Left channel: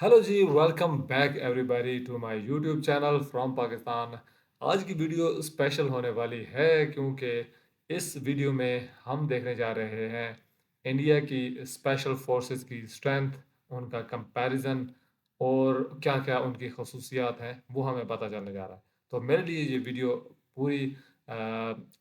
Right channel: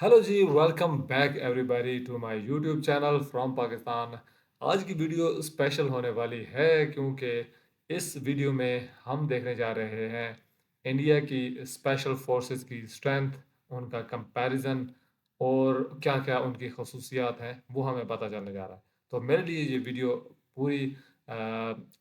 Hello ji, welcome back everybody to my YouTube channel from Pakistan. आज की video special होने वाली है क्योंकि इस वीडियो में हम देखने जा रहे हैं इंडिया की स्पेशल फोर्सेस की स्ट्रेंथ, उनका कंपैरिजन और क्या-क्या उनकी खसूसियात हैं, वो हमें पता चलने जा रहा है। तो मेरे लिए ये वीडियो पूरी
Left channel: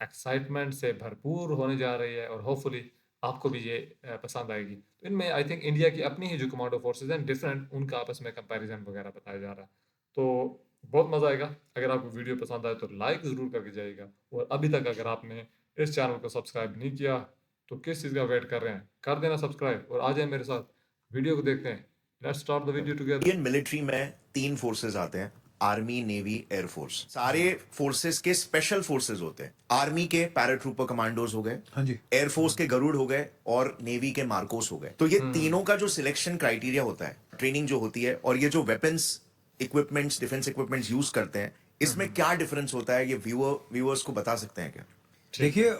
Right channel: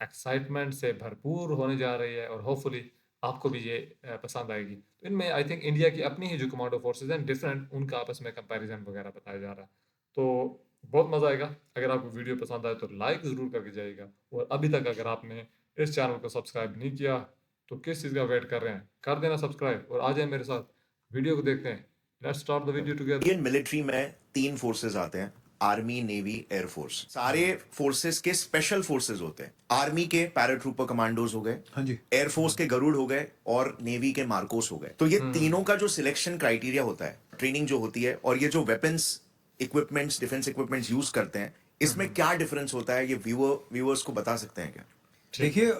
एक्साइटमेंट से भरपूर होने जा रही है और होपफुली आपको भी ये पसंद आएगी। तो इनमें आई थिंक इंडिया की अपनी ही जो कमांडो फोर्सेस हैं डिफरेंट, उनका आपस में कंपैरिजन वगैरह बताया जा रहा है। तो बहुत मज़ा आएगा। अगर आपको वीडियो पसंद आए तो लाइक ज़रूर करके जाइएगा, और अभी तक अगर आपने इस चैनल को सब्सक्राइब नहीं किया तो किस चीज़ का वेट कर रहे हैं, कर देना सब्सक्राइब और आ जाए मेरे साथ वीडियो को देखते हैं। Let's start the video together. Indian military में तीन फोर्सेस आते हैं। Army, navy, air force. सारे फोर्सेस के स्पेशल फोर्सेस होते हैं। आर्मी के पैराट्रूपर कमांडोज हो गए, हाँ जी। एयरफोर्स के गरुड़ हो गए और नेवी के मार्कोस हो गए। तो ये तीनों का जो सिलेक्शन क्राइटेरिया होता है, ट्रेनिंग जो होती है और ये जो weapons, equipments, defence equipments use करते हैं, इसमें क्या डिफरेंस होता है, ये व्यूअर्स को बता सकते हैं क्या? ठीक देखिए है।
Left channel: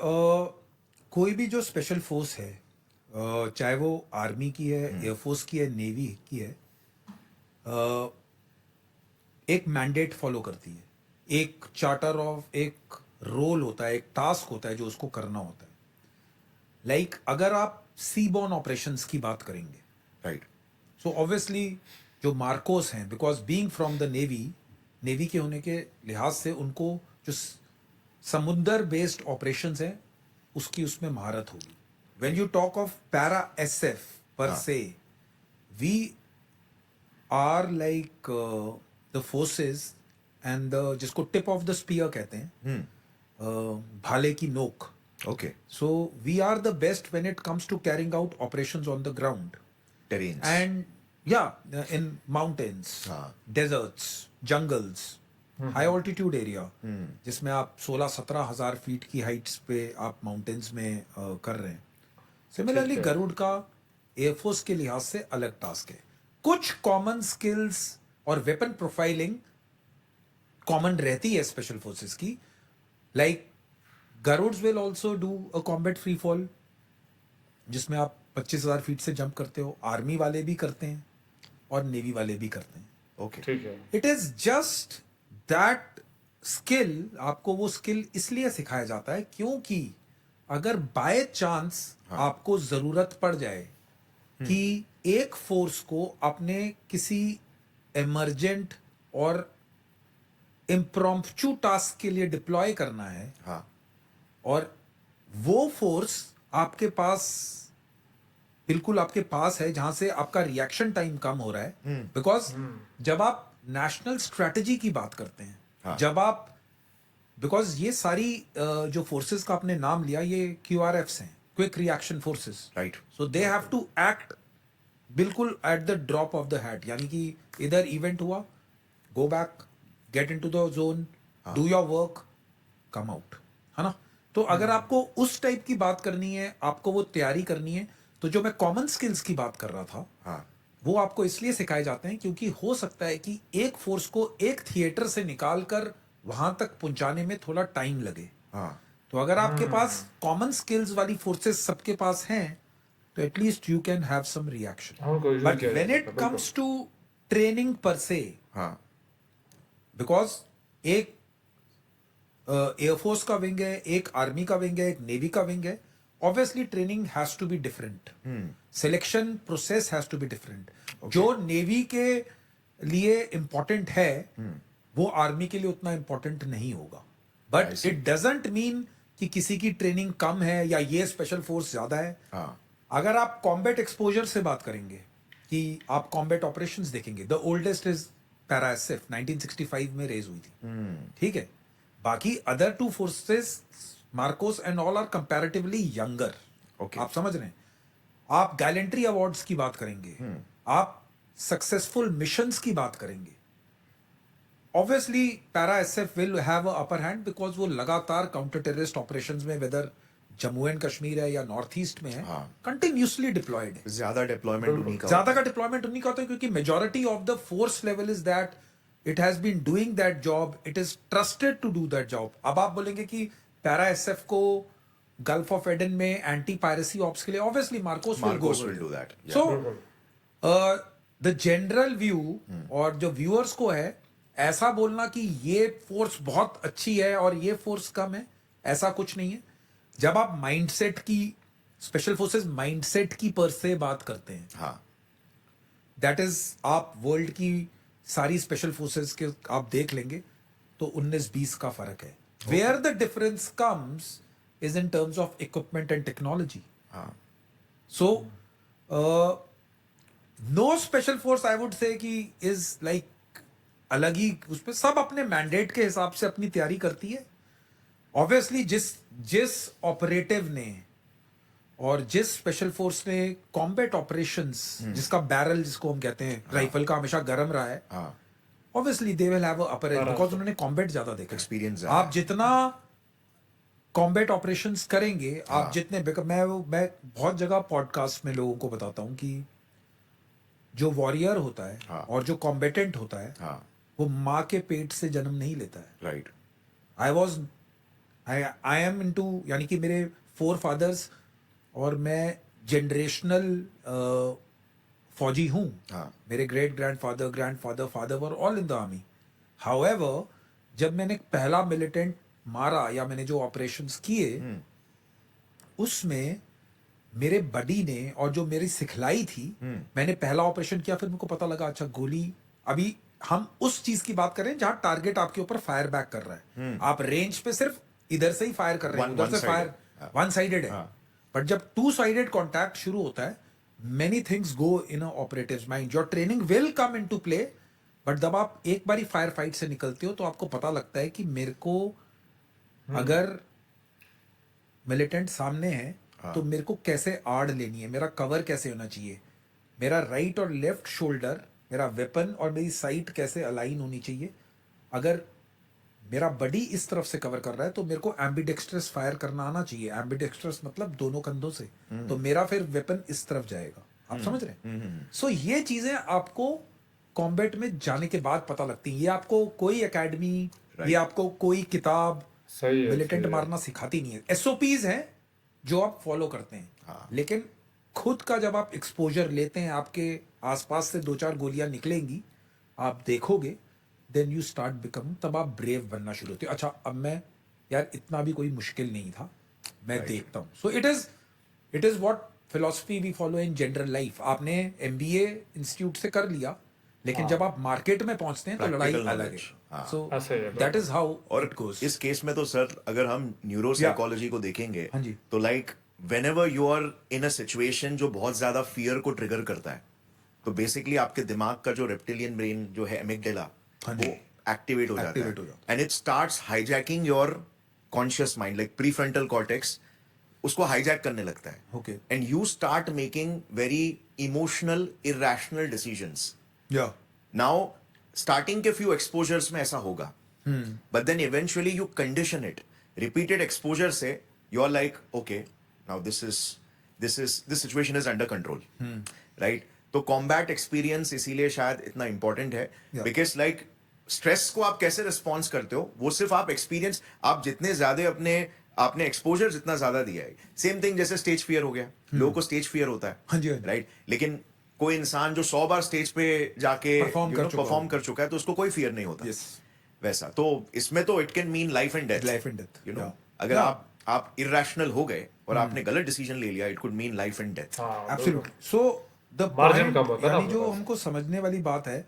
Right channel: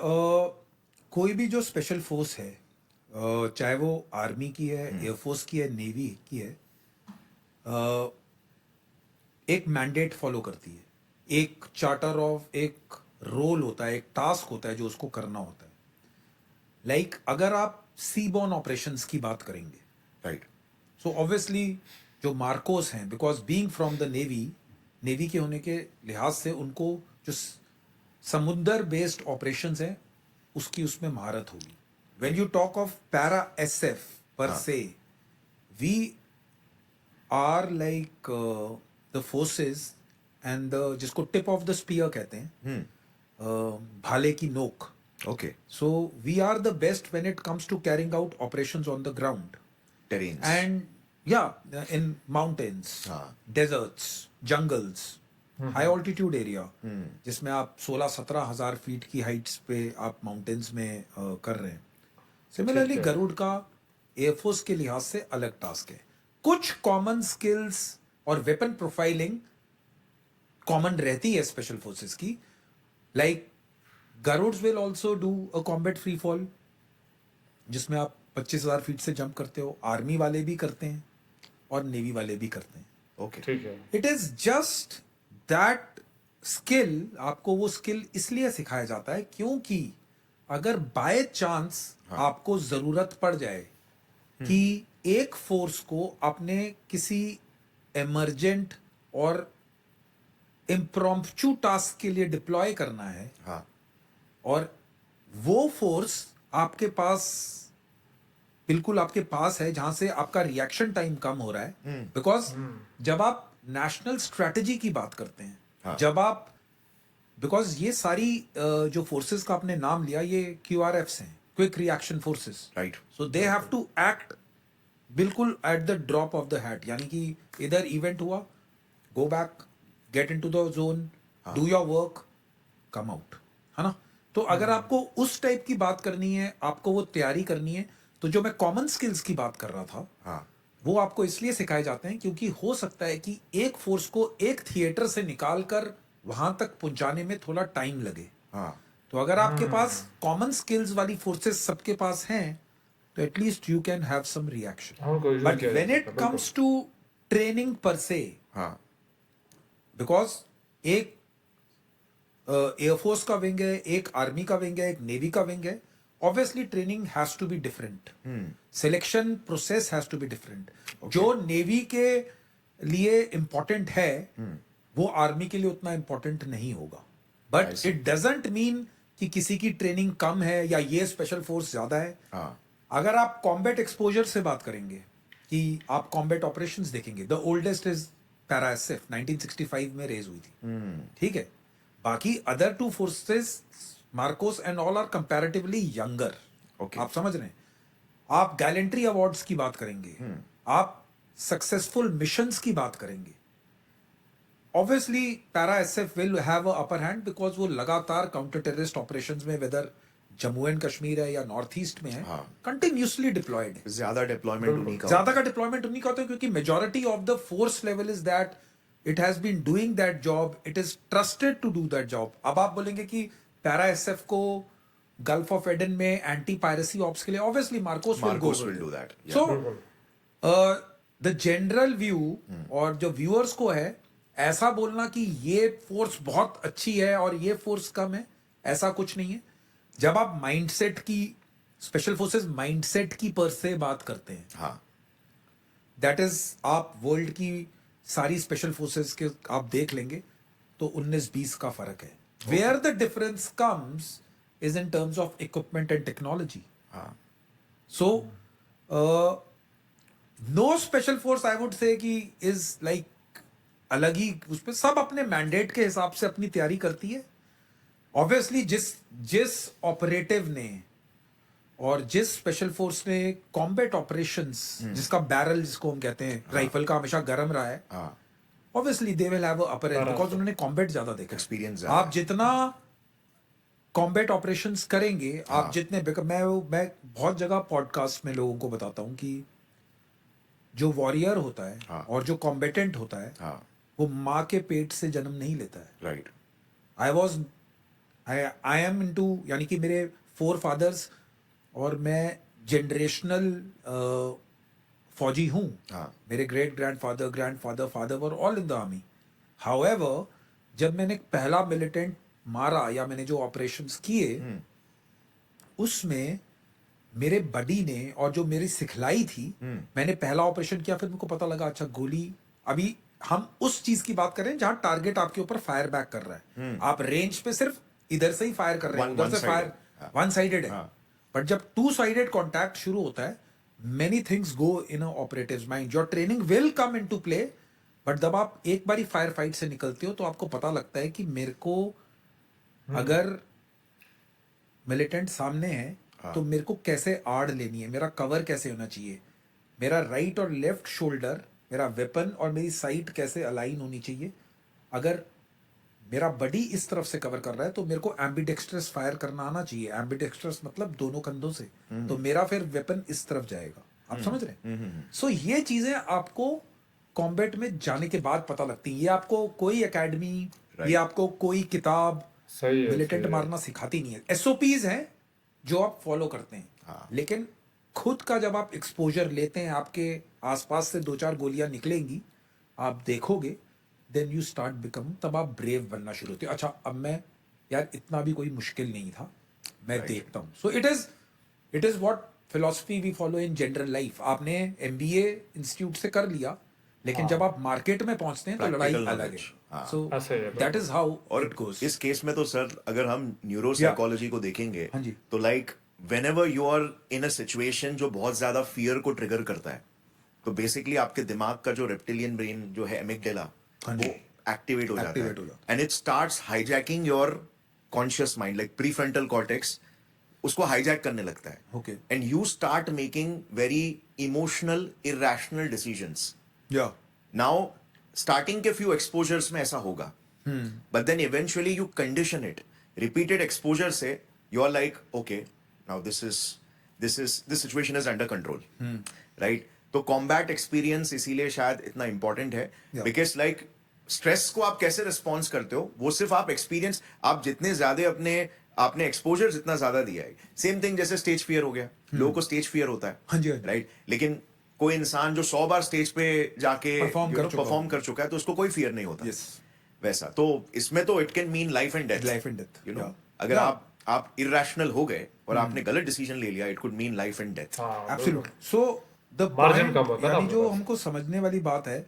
कोई भी जो स्पेशल फोर्स है, चाहे वो आर्मी की है, एयरफोर्स की है, नेवी की है, अ, एक मैंडेट फॉलो करती है। एक चार्टर ऑफ, एक रोल होता है, एक टास्क होता है जो उसको करना होता है। लाइक अगर आप सीबॉर्न ऑपरेशंस की बात करेंगे, राइट। सो ऑब्वियसली जो मार्कोस हैं, because being from the navy, navy के होने के लिहाज से उनको जो समुद्र बेस्ड ऑपरेशंस है उसकी उसमें महारत होगी। When you talk of para SF पर हाँ। Say, we are like the forces and the, जिसको टिप ऑफ द स्पीयर कहते हैं, भाले की नोक। Okay. So we are the best when it comes to carrying out operations on the ground terrains. and yeah, in mountains, हाँ। deserts, jungles, high altitude area, जिसमें आप 16-17 हजार फीट की हाइट्स पे आप माउंटेन्स में कर रहे हैं। सिमिलरली ठीक है। गरुड़ का एयरफोर्स के लिहाज से अलग टास्क है। कुछ कॉमन स्किल्स और वेपन प्रोफाइलिंग कॉमन रहती है स्पेशल फोर्सेस की। Like Garuds will also do a combat free fall, जिसमें आप 25,000 फीट से जंप करते हो। आर्मी वाले भी करते हैं और नेवी वाले भी करते हैं। ओके। ठीक है। It is just that skill, आपको वो स्किल इसलिए सिखाया जाता है क्योंकि अगर बाय चांस आपको जरूरत पड़ जाए कि एक फोर्स को अपने किसी इमरजेंट और इम्प्रॉम्प्चू टास्क के लिए डिप्लॉय करना है, हाँ। और वो फोर्स आपके पास, बिल्कुल आपके पास है, जहां से आपका रिएक्शन टाइम कम हो रहा है। बिकॉज जब आप नेशनल स्ट्रेटजी की बात करते हैं, हाँ। जब आप, बिकॉज ये सारी जो फोर्सेस का आपने नाम लिया, ये क्यूआरएफ्स हैं, quick reaction forces. Right. So they have to act बिल्कुल at the drop of the hat, यानी कि इधर इवेंट हुआ, go back, get into the zone, do your work, come out, है ना। तो अगर आपको उस टाइप की बात करनी है, आपको वो तैयारी करनी है, तो जो मैं कॉमन स्किल्स की बात कर रहा था, हाँ। वो आपको इसलिए सिखाए जाते हैं क्योंकि हो सकता है कि एक फोर्स को एक थिएटर से निकाल कर वहां तक पहुंचाने में थोड़ा टाइम लगे। हाँ। तो अगर आपके पास कॉमन स्किल्स वाली फोर्सेस सबके पास हैं, तो at least you can have some reaction. उनको यूज बट किया जा व्हेन सकता इट है, बिल्कुल। कम्स टू ट्रेनिंग पर से, हाँ। बिकॉज एक एयरफोर्स का विंग है, एक आर्मी का विंग है, एक नेवी का विंग है, obviously training has to be different, selection process has to be different. जो नेवी के लिए इंपॉर्टेंट है वो आर्मी के लिए उतना इंपॉर्टेंट नहीं होगा। I but see. It doesn't mean कि किसी की ट्रेनिंग कम है या ये स्पेशल फोर्स ज्यादा है। हाँ। अगर आप कॉम्बैट एक्सपोजर से बात करेंगे, कि आप कॉम्बैट ऑपरेशंस देखेंगे, the oldest is para SF, 1965 में रेज हुई थी, ठीक है। बाकी other two forces, MARCOS and all, are comparatively younger. Okay. आप समझ रहे हैं। आप गैलेंट्री अवार्ड्स की बात करेंगे, आप सक्सेसफुल मिशंस की बात करेंगे, obviously para SF will have a upper hand, because वो लगातार काउंटर टेररिस्ट ऑपरेशंस में, वेदर जम्मू एंड कश्मीर है या नॉर्थ ईस्ट में है, हाँ। कंटिन्यूसली डिप्लॉयड है। ज्यादा डिप्लॉयमेंट बिल्कुल। उन्हीं का ज्यादा होता का डिप्लॉयमेंट उन्हीं का होता है क्योंकि majority of the force level is that it has been doing that job, it is trusted to do that job. अब आप बोलेंगे कि पैरा एसएफ को गल्फ ऑफ एडन में एंटी पायरेसी ऑप्स के लिए ऑब्वियसली मार्कोस है। Will go MARCOS will do that. So बिल्कुल। द जनरल व्यू और जो व्यूअर्स को है, ऐसा बोलना कि ये फोर्स बहुत अच्छी है और ये फोर्स कम है, ऐसा कुछ नहीं है. जब आप माइंडसेट की, स्पेशल फोर्सेस माइंडसेट की पर से बात करते हैं, हाँ दैट इज, आप वर्ल्ड की सारी स्पेशल फोर्सेस के आप देख लेंगे तो 19-20 का फर्क है. Where the difference comes is in terms of equipment and technology. हाँ so no special force I would say कि इज लाइक अलग ही, उस पर सब अपने मैंडेट के हिसाब से अपनी तैयारी करती है. ऑब्वियसली जिस जिस ऑपरेटिव ने और जिस स्पेशल फोर्स ने कॉम्बैट ऑपरेशंस, जिसका बैरल जिसको हम कहते हैं, राइफल का हमेशा गर्म रहा है, हाँ obviously they will have upper as, because उन्होंने कॉम्बैट ज्यादा देखा है. एक्सपीरियंस आप जितना कॉम्बैट ऑपरेशंस करेंगे, आप जितने मैं बहुत जगह पॉडकास्ट में लोगों को बताता हूं कि जो वॉरियर होता है हाँ. और जो कॉम्बेटेंट होता है, हाँ वो माँ के पेट से जन्म नहीं लेता है. राइट आई एम इनटू, यानी कि मेरे 4 फादर्स और मैं जनरेशनल फौजी हूँ. हाँ मेरे grandfather father were all in the army. However जब मैंने पहला मिलिटेंट मारा या मैंने जो ऑपरेशंस किए, उसमें मेरे बडी ने और जो मेरी सिखलाई थी, मैंने पहला ऑपरेशन किया, फिर मेरे को पता लगा अच्छा गोली, अभी हम उस चीज की बात कर रहे हैं जहां टारगेट आपके ऊपर फायर बैक कर रहा है. आप रेंज पे सिर्फ इधर से ही फायर कर रहे हैं, उधर से फायर वन साइडेड है. बट जब 2 साइडेड कॉन्टैक्ट शुरू होता है, many things go in a operatives mind. Your training will come into play, but जब आप एक बारी फायर फाइट से निकलते हो तो आपको पता लगता है कि मेरे को अगर मिलिटेंट सामने है तो मेरे को कैसे आड़ लेनी है, मेरा कवर कैसे होना चाहिए, मेरा राइट और लेफ्ट शोल्डर, मेरा वेपन और मेरी साइट कैसे अलाइन होनी चाहिए. अगर मेरा बडी इस तरफ से कवर कर रहा है तो मेरे को एम्बिडेक्स्ट्रस फायर करना आना चाहिए. एम्बिडेक्स्ट्रस मतलब दोनों कंधों से, तो मेरा फिर वेपन इस तरफ जाएगा. आप समझ रहे हैं? सो ये चीजें आपको कॉम्बैट में जाने के बाद पता लगती हैं. ये आपको कोई एकेडमी, ये आपको कोई किताब सही है, मिलिटेंट सही है। मारना सिखाती नहीं है. एसओपीज हैं जो आप फॉलो करते हैं, लेकिन खुद का जब आप एक्सपोजर लेते हैं, आपके आसपास से 2-4 गोलियां निकलेंगी, आप देखोगे, देन यू स्टार्ट बिकम, तब आप ब्रेव बनना शुरू होते हो. अच्छा अब मैं, यार इतना भी कोई मुश्किल नहीं था, मैं देखता हूँ. So it is what philosophy we follow in general life. आपने एमबीए इंस्टीट्यूट से कर लिया, लेकिन जब आप मार्केट में पहुंचते हैं तो लड़ाई Practical अलग है. knowledge. सो ऐसे ही है, दैट इज हाउ और इट गोस. इस केस में तो सर अगर हम न्यूरो साइकोलॉजी को देखेंगे, हाँ जी. तो like whenever you are in a situation जो बहुत ज्यादा फियर को ट्रिगर करता है, तो बेसिकली आपके दिमाग का जो रेप्टिलियन ब्रेन जो है एमिगडाला, हाँ जी. वो एक्टिवेट हो जाता Activate हो है जाता and it starts hijacking your conscious mind, like prefrontal cortex उसको हाईजैक करने लगता है. Okay. And you start making very emotional irrational decisions. या नाउ स्टार्टिंग के फ्यू एक्सपोजर्स में ऐसा होगा, but then eventually you condition it. Repeated exposure से you are like okay, now this situation is under control, right. तो combat experience इसीलिए शायद इतना इंपॉर्टेंट है, बिकॉज लाइक स्ट्रेस को आप कैसे रिस्पॉन्स करते हो वो सिर्फ आप एक्सपीरियंस, आप जितने ज्यादा आपने एक्सपोजर जितना ज्यादा दिया है. सेम थिंग जैसे स्टेज फियर हो गया, लोगों को स्टेज फियर होता है, हाँ जी, हाँ जी. राइट. लेकिन कोई इंसान जो 100 बार स्टेज पे जाके परफॉर्म कर चुका है तो उसको कोई फियर नहीं होता. Yes. वैसा तो इसमें तो it can mean life and death. Life and death, you know, yeah. अगर Yeah. आप इरेशनल हो गए और आपने गलत डिसीजन ले लिया, it could mean life and death. हाँ, एब्सोल्युटली. सो द Margin कम होता है ना यानी अपने जो पास. हमको समझने वाली बात है,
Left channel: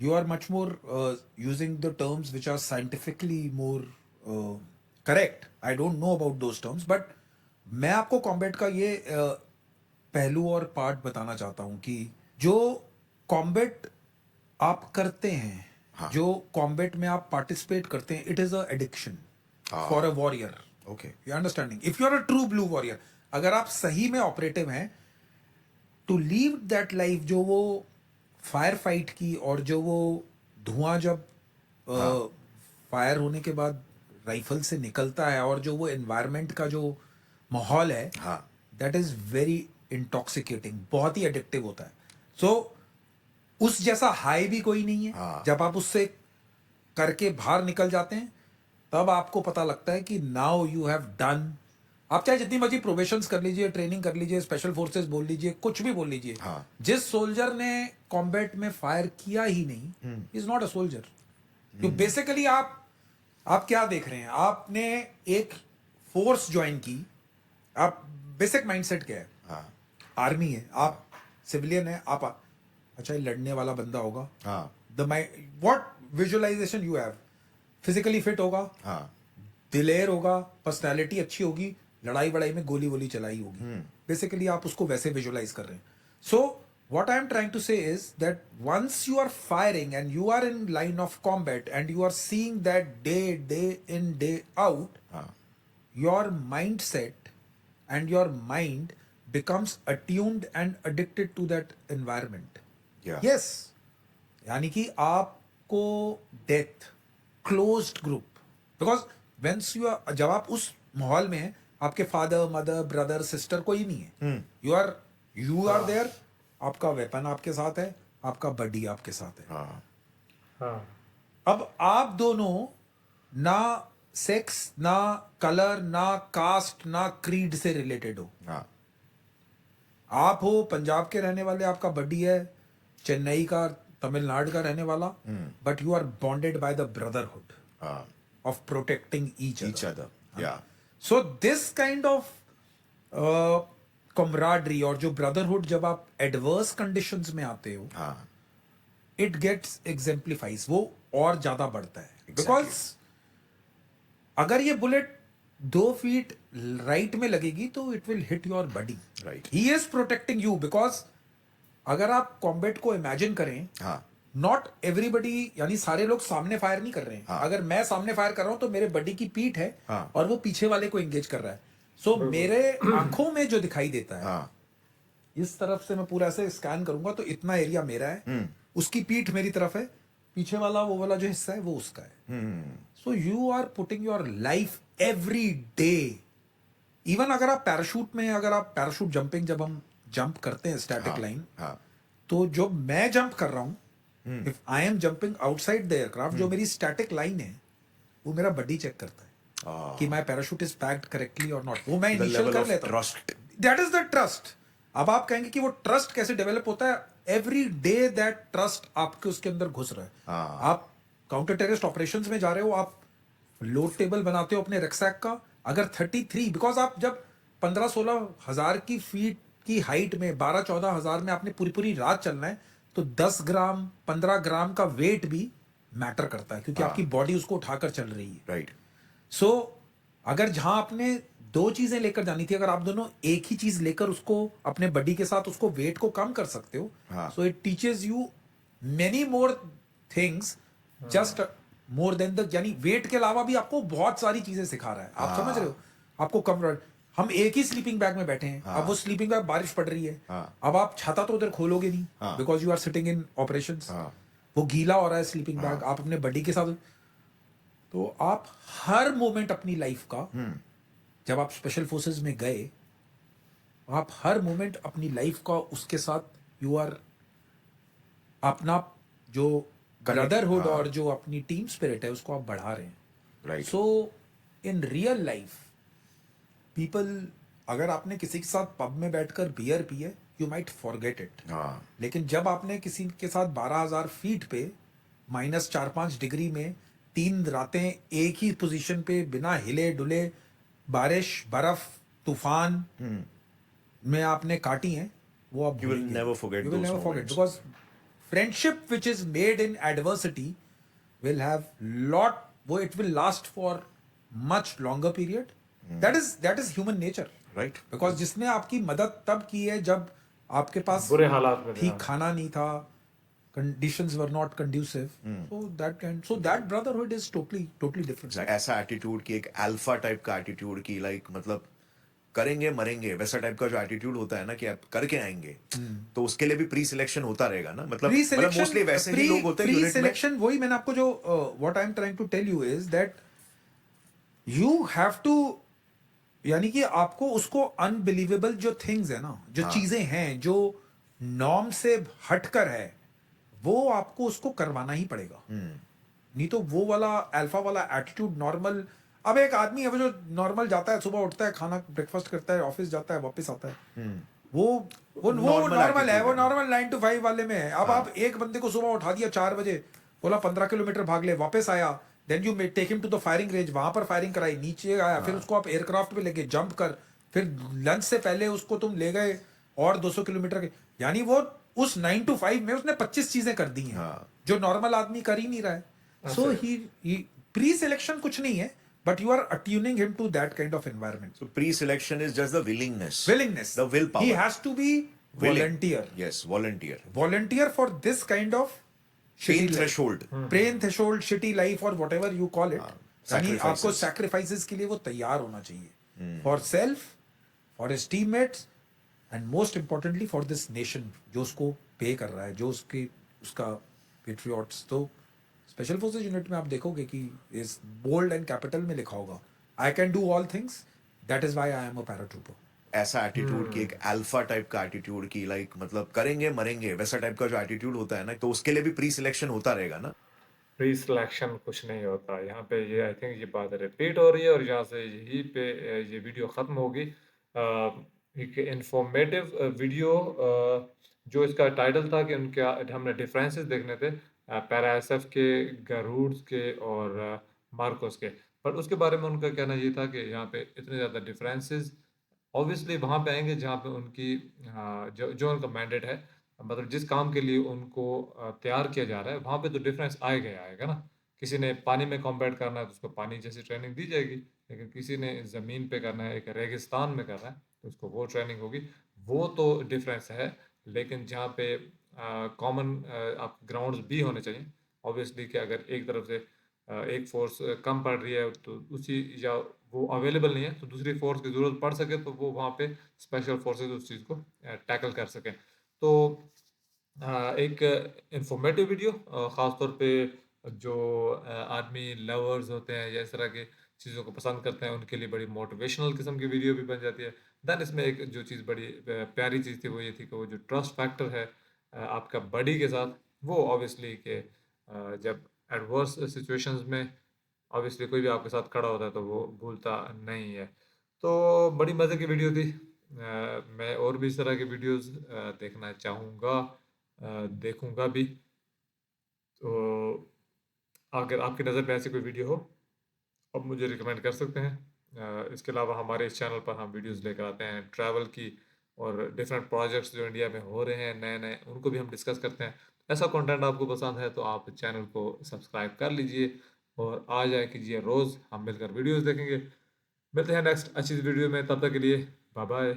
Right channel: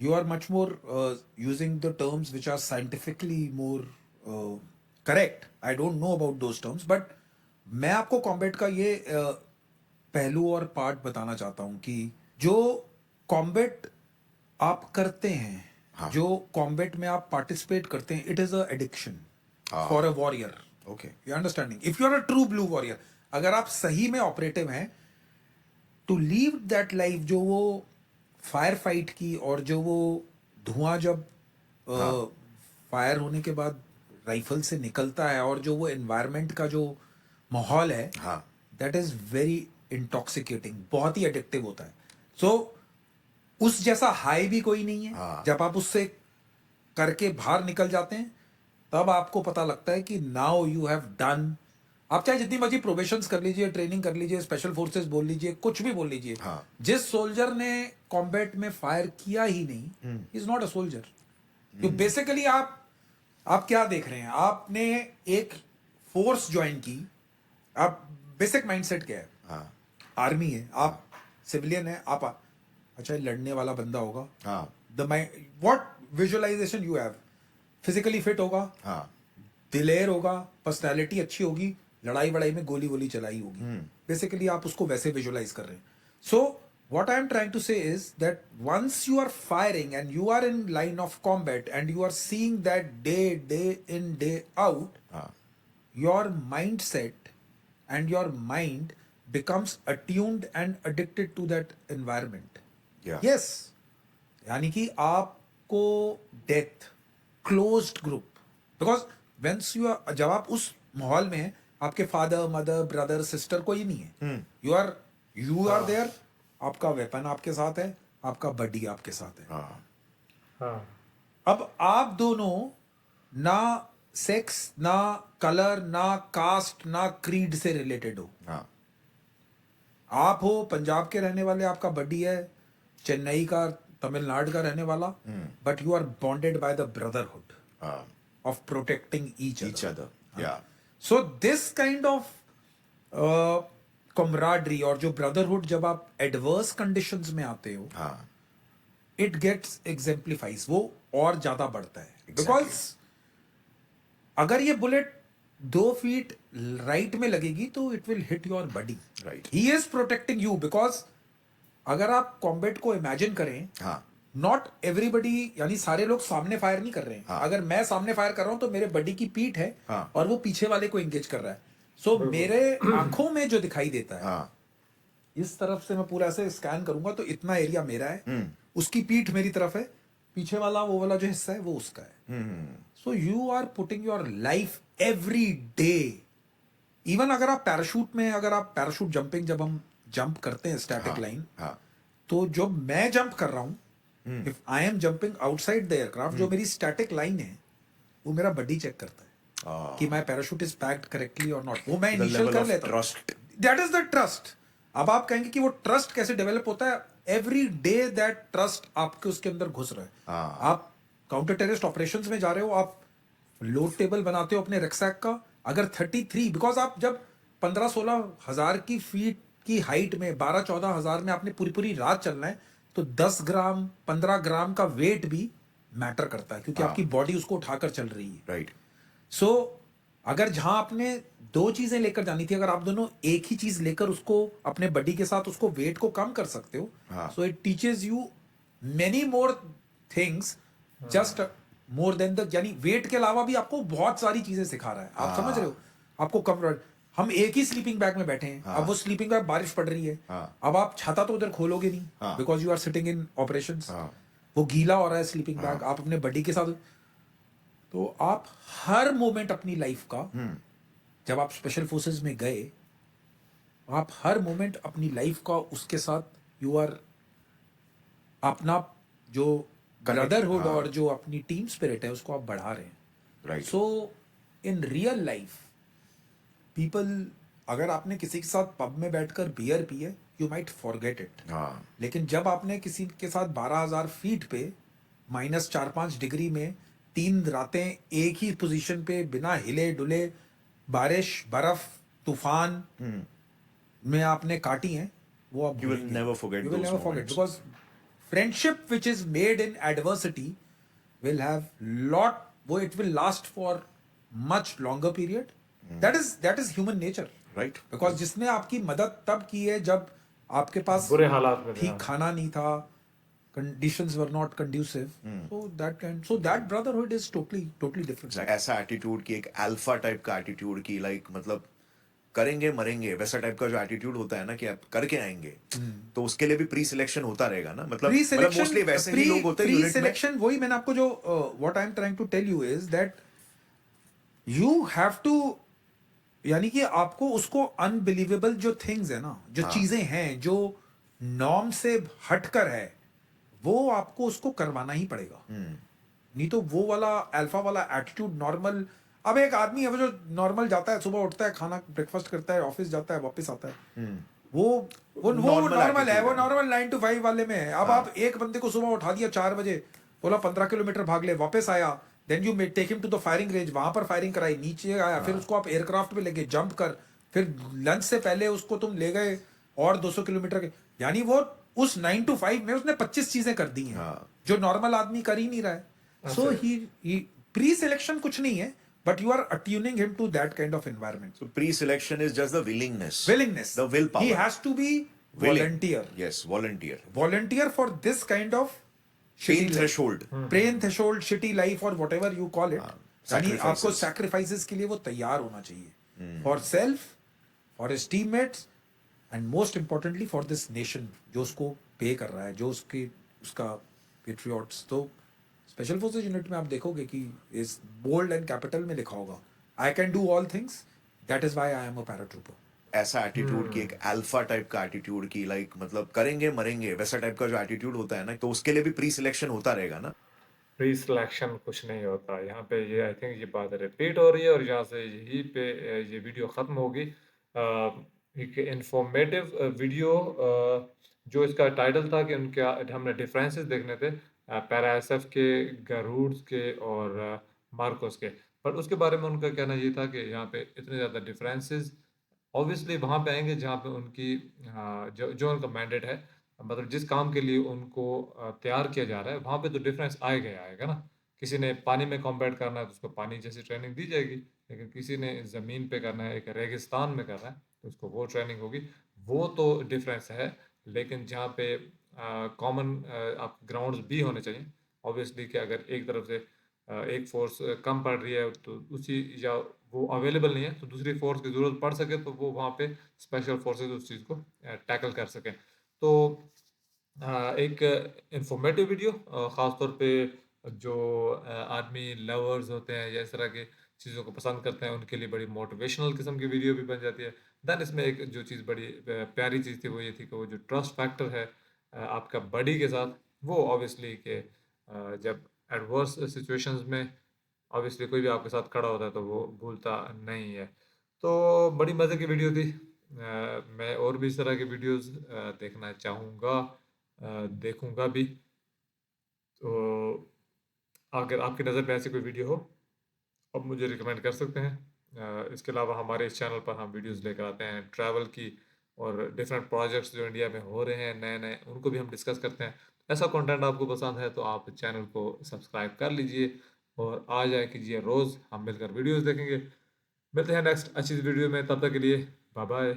you are much more using the terms which are scientifically more correct. I don't know about those terms, but मैं आपको कॉम्बैट का ये पहलू और पार्ट बताना चाहता हूँ कि जो कॉम्बैट आप करते हैं, जो कॉम्बैट में आप पार्टिसिपेट करते हैं, it is a addiction for a warrior. Okay. You understanding? If you are a true blue warrior, अगर आप सही में ऑपरेटिव हैं, टू लीव दैट लाइफ, जो वो फायर फाइट की और जो वो धुआं जब फायर होने के बाद राइफल से निकलता है और जो वो एनवायरनमेंट का जो माहौल है, दैट इज वेरी इंटॉक्सिकेटिंग, बहुत ही एडिक्टिव होता है. सो उस जैसा हाई भी कोई नहीं है. जब आप उससे करके बाहर निकल जाते हैं, तब आपको पता लगता है कि नाउ यू हैव डन आप चाहे जितनी मर्जी प्रोबेशंस कर लीजिए, ट्रेनिंग कर लीजिए, स्पेशल फोर्सेस बोल लीजिए, कुछ भी बोल लीजिए, हाँ। जिस सोल्जर ने कॉम्बैट में फायर किया ही नहीं, इज नॉट अ सोल्जर। तो बेसिकली आप क्या देख रहे हैं? आपने एक फोर्स ज्वाइन की, आप बेसिक माइंडसेट क्या है? हाँ आर्मी है, आप सिविलियन है, आप अच्छा ये लड़ने वाला बंदा होगा, हाँ the mind what visualization you have, physically fit होगा, हाँ दिलेर होगा, पर्सनालिटी अच्छी होगी, लड़ाई वड़ाई में गोली वोली चलाई होगी, बेसिकली आप उसको वैसे विजुअलाइज कर रहे हैं। सो what I'm trying to say is that once you are firing and you are in line of combat and you are seeing that day in day out, हाँ your mindset and your mind becomes attuned and addicted to that environment. Yeah. Yes, यानी कि आपको death closed group, because whence you are, जब आप उस माहौल में हैं, आपके फादर मदर ब्रदर सिस्टर कोई नहीं है, यू आर देयर, आपका वेपन आपके साथ है, आपका बडी आपके साथ है। हाँ हाँ अब आप दोनों ना सेक्स, ना कलर, ना कास्ट, ना क्रीड से रिलेटेड हो। हाँ आप हो पंजाब के रहने वाले, आपका बडी है चेन्नई का, तमिलनाडु का रहने वाला, but you are bonded by the brotherhood हाँ of protecting each each other. Yeah. So this kind of camaraderie और जो ब्रदरहुड, जब आप एडवर्स कंडीशंस में आते हो, हाँ इट गेट्स एग्जेम्प्लीफाइज, वो और ज्यादा बढ़ता है। Exactly. बिकॉज अगर ये बुलेट 2 फीट राइट में लगेगी तो it will hit your body, Right. He is protecting you. Because अगर आप कॉम्बैट को इमेजिन करें, हाँ नॉट एवरीबडी, यानी सारे लोग सामने फायर नहीं कर रहे हैं। हाँ. अगर मैं सामने फायर कर रहा हूं तो मेरे बडी की पीठ है, हाँ. और वो पीछे वाले को एंगेज कर रहा है। सो मेरे आंखों में जो दिखाई देता है, हाँ इस तरफ से मैं पूरा ऐसे स्कैन करूंगा तो इतना एरिया मेरा है, उसकी पीठ मेरी तरफ है, पीछे वाला वो वाला जो हिस्सा है वो उसका है। So you are putting your life every day. Even अगर आप पैराशूट में, अगर आप पैराशूट जंपिंग, जब हम जंप करते हैं स्टैटिक लाइन, हाँ तो जो मैं जंप कर रहा हूं, if I am jumping outside the aircraft, जो मेरी स्टैटिक लाइन है वो मेरा बडी चेक करता है कि my parachute is packed correctly और नॉट। वो मैं The इनिशियल level कर of लेता हूं। trust. That is the trust. अब आप कहेंगे कि वो ट्रस्ट कैसे डेवलप होता है? एवरी डे दैट ट्रस्ट आपके उसके अंदर घुस रहा है। हाँ. आप काउंटर टेररिस्ट ऑपरेशंस में जा रहे हो, आप लोड टेबल बनाते हो अपने रैकसैक का, अगर 33, बिकॉज आप जब 15-16 हजार की फीट की हाइट में 12-14 हजार में आपने पूरी पूरी रात चलना है, तो 10 ग्राम 15 ग्राम का वेट भी मैटर करता है, क्योंकि आपकी बॉडी उसको उठाकर चल रही है। Right. सो अगर जहां आपने 2 चीजें लेकर जानी थी, अगर आप दोनों एक ही चीज लेकर उसको अपने बॉडी के साथ उसको वेट को कम कर सकते हो, हाँ. So it teaches you many more things, just more than the, यानी वेट के अलावा भी आपको बहुत सारी चीजें सिखा रहा है। आप समझ रहे हो? आपको कम, हम एक ही स्लीपिंग बैग में बैठे हैं, अब वो स्लीपिंग बैग बारिश पड़ रही है, हाँ. अब आप छाता तो उधर खोलोगे नहीं, हाँ. Because you are sitting in operations, हाँ. वो गीला हो रहा है स्लीपिंग बैग, आप अपने बॉडी के साथ, तो आप हर मोमेंट अपनी लाइफ का, जब आप स्पेशल फोर्सेस में गए, आप हर मोमेंट अपनी लाइफ का उसके साथ यू आर, अपना जो ब्रदरहुड और जो अपनी टीम स्पिरिट है उसको आप बढ़ा रहे हैं। Right. So in real life people, अगर आपने किसी के साथ पब में बैठकर बियर पी है, यू माइट फॉरगेट इट, हाँ लेकिन जब आपने किसी के साथ 12,000 फीट पे -4-5 डिग्री में 3 रातें एक ही पोजीशन पे बिना हिले डुले, बारिश बर्फ तूफान में आपने काटी हैं, वो आप You will never forget you will those never forget, moments. because friendship which is made in adversity will have lot, वो it will last for much longer period. that is human nature. Right. Because जिसने आपकी मदद तब की है जब आपके पास बुरे हालात में थे, ठीक हाँ। खाना नहीं था, conditions were not conducive, so that brotherhood is totally different. ऐसा एटीट्यूड की, एक अल्फा टाइप का एटीट्यूड की, लाइक मतलब करेंगे मरेंगे वैसा टाइप का जो एटीट्यूड होता है ना, कि आप करके आएंगे, तो उसके लिए भी प्री सिलेक्शन होता रहेगा ना, मतलब मोस्टली वैसे ही लोग होते हैं प्री यूनिट में। सिलेक्शन, वही मैंने आपको जो what I am trying to tell you is that you have to, यानी कि आपको उसको अनबिलीवेबल जो थिंग्स है ना, जो चीजें हैं जो नॉर्म से हटकर है, वो आपको उसको करवाना ही पड़ेगा। नहीं तो वो वाला अल्फा वाला एटीट्यूड, नॉर्मल अब एक आदमी है वो जो नॉर्मल जाता है, सुबह उठता है, खाना ब्रेकफास्ट करता है, ऑफिस जाता है, वापस आता है, वो वो नॉर्मल नॉर्मल है, एटीट्यूड वो है। नॉर्मल 9 to 5 वाले में है। अब हाँ। आप एक बंदे को सुबह उठा दिया 4 बजे, बोला 15 किलोमीटर भाग ले, वापस आया, then you take him to the firing range, वहां पर फायरिंग कराई, नीचे आया, फिर उसको आप एयरक्राफ्ट पे लेके जंप कर, फिर लंच से पहले उसको तुम ले गए और 200 किलोमीटर के, यानी वो उस 9 to 5 में उसने 25 चीजें कर दी हैं हाँ। जो नॉर्मल आदमी कर ही नहीं रहा है। अच्छा। सो ही प्री सिलेक्शन कुछ नहीं है, but you are attuning him to that kind of environment. So pre-selection is just the willingness, Willingness, the willpower. he has to be Willing. volunteer, Yes, volunteer. volunteer for this kind of Pain shitty life, threshold. pain threshold, shitty life or whatever you call it, यानी आपको Sacrifices. sacrifices के लिए वो तैयार होना चाहिए, for self, for his teammates, and most importantly for this nation जो उसको पे कर रहा है, जो उसका patriots। तो स्पेशल फोर्सेज यूनिट में आप देखोगे कि इस बोल्ड एंड कैपिटल में लिखा होगा, I can do all things, that is why I am a paratrooper. ऐसा एटीट्यूड की, एक अल्फा टाइप का एटीट्यूड की, लाइक मतलब करेंगे मरेंगे वैसा टाइप का जो एटीट्यूड होता है ना, तो उसके लिए भी प्री सिलेक्शन होता रहेगा ना। प्री सिलेक्शन कुछ नहीं होता यहाँ पे। ये आई थिंक ये बात रिपीट हो रही है और यहाँ से यहीं पे ये वीडियो ख़त्म होगी। एक इंफॉर्मेटिव वीडियो जो इसका टाइटल था कि उनके हमने डिफरेंसेस देखने थे पैरा एसएफ के, गरूड्स के और मार्कोस के। बट उसके बारे में उनका कहना ये था कि यहाँ पे इतने ज़्यादा डिफरेंसेस ऑब्वियसली वहाँ पे आएंगे जहाँ पे उनकी जो जो उनका मैंडेट है, मतलब जिस काम के लिए उनको तैयार किया जा रहा है, वहाँ पे तो डिफरेंस आएगा ही आएगा ना। किसी ने पानी में कॉम्बैट करना है तो उसको पानी जैसी ट्रेनिंग दी जाएगी, लेकिन किसी ने ज़मीन पे करना है, एक रेगिस्तान में करना है, तो उसको वो ट्रेनिंग होगी। वो तो डिफरेंस है, लेकिन जहाँ पे कॉमन आप ग्राउंड्स भी होने चाहिए ऑब्वियसली, कि अगर एक तरफ से एक फोर्स कम पड़ रही है तो उसी, या वो अवेलेबल नहीं है तो दूसरी फोर्स की ज़रूरत पड़ सके तो वो वहाँ पे स्पेशल फोर्सेस उस चीज़ को टैकल कर सकें। तो एक इंफॉर्मेटिव वीडियो, ख़ास तौर पे जो आर्मी लवर्स होते हैं या इस तरह की चीज़ों को पसंद करते हैं उनके लिए बड़ी मोटिवेशनल किस्म की वीडियो भी बन जाती है। देन इसमें एक जो चीज़ बड़ी प्यारी चीज़ थी वो ये थी कि वो जो ट्रस्ट फैक्टर है आपका बडी के साथ, वो ऑब्वियसली कि जब एडवर्स सिचुएशंस में ऑब्वियसली कोई भी आपके साथ खड़ा होता है तो वो भूलता नहीं है। तो बड़ी मज़े की वीडियो थी। मैं और भी इस तरह की वीडियोस देखना चाहूँगा, देखूँगा भी। तो अगर आपकी नज़र में ऐसी कोई वीडियो हो आप मुझे रिकमेंड कर सकते हैं। इसके अलावा हमारे इस चैनल पर हम वीडियोस लेकर आते हैं ट्रैवल की और डिफरेंट प्रोजेक्ट्स जो इंडिया में हो रहे हैं नए नए, उनको भी हम डिस्कस करते हैं। ऐसा कंटेंट आपको पसंद है तो आप चैनल को सब्सक्राइब कर लीजिए और आ जाए कीजिए, रोज़ हम मिलकर वीडियोस देखेंगे। मिलते हैं नेक्स्ट अच्छी वीडियो में, तब तक के लिए बाय बाय।